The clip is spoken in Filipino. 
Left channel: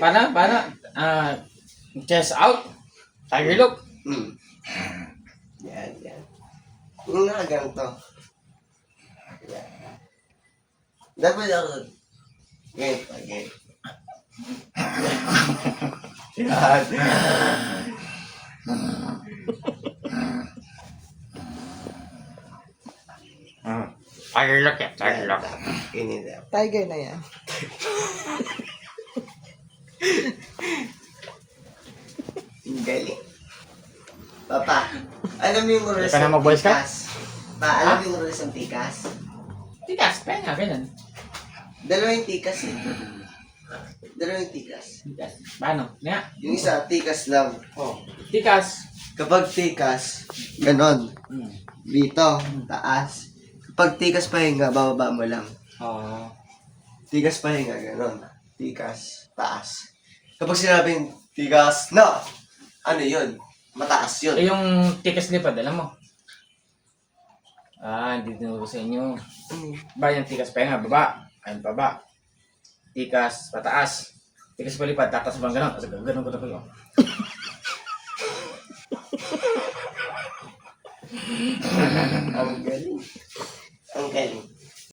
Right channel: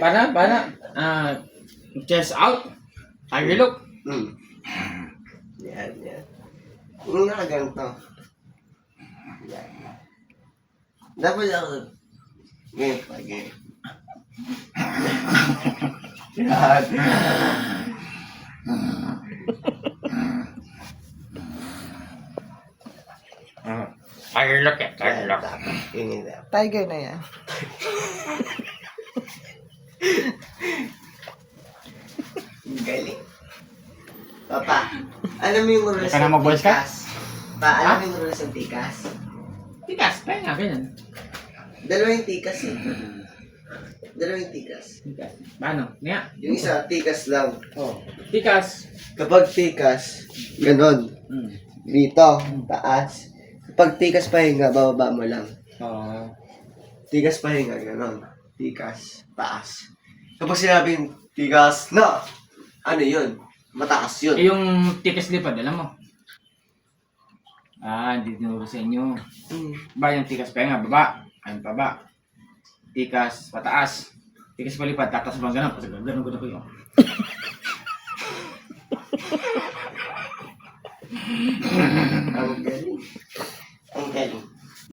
Paano? Chest out. Tiger look. Yan. Yung nakaganto. Yan. Dapat ako. Ngayon pa, ganyan. Yan. Tiger look eh. Tiger look. Ganyan daw. Tiger na yan. Galing. Papa, alam mo yung rules Ka na ng mag-boy scout? tikas? Pa, alam mo yung rules ng tikas? Tikas. Kaya nga, ganyan. Dalawang tikas eh. Dalawang tikas. Tikas. Paano? Nga. Yung isa, tikas lang. Oh. Tikas. Kapag tikas, ganon. Dito, taas. Kapag tikas pahinga, bababa mo lang. Oh. Tikas pahinga, ganon. Tikas, taas. Kapag sinabing tikas na, ano yun? Mataas yun. Eh, yung tikas lipad, alam mo? Hindi tinuro sa inyo. Ba yung tikas pa nga, baba. Ayun pa ba? Tikas pataas. Tikas palipad, tatas bang ganun? Kasi ganun ko yun. Ang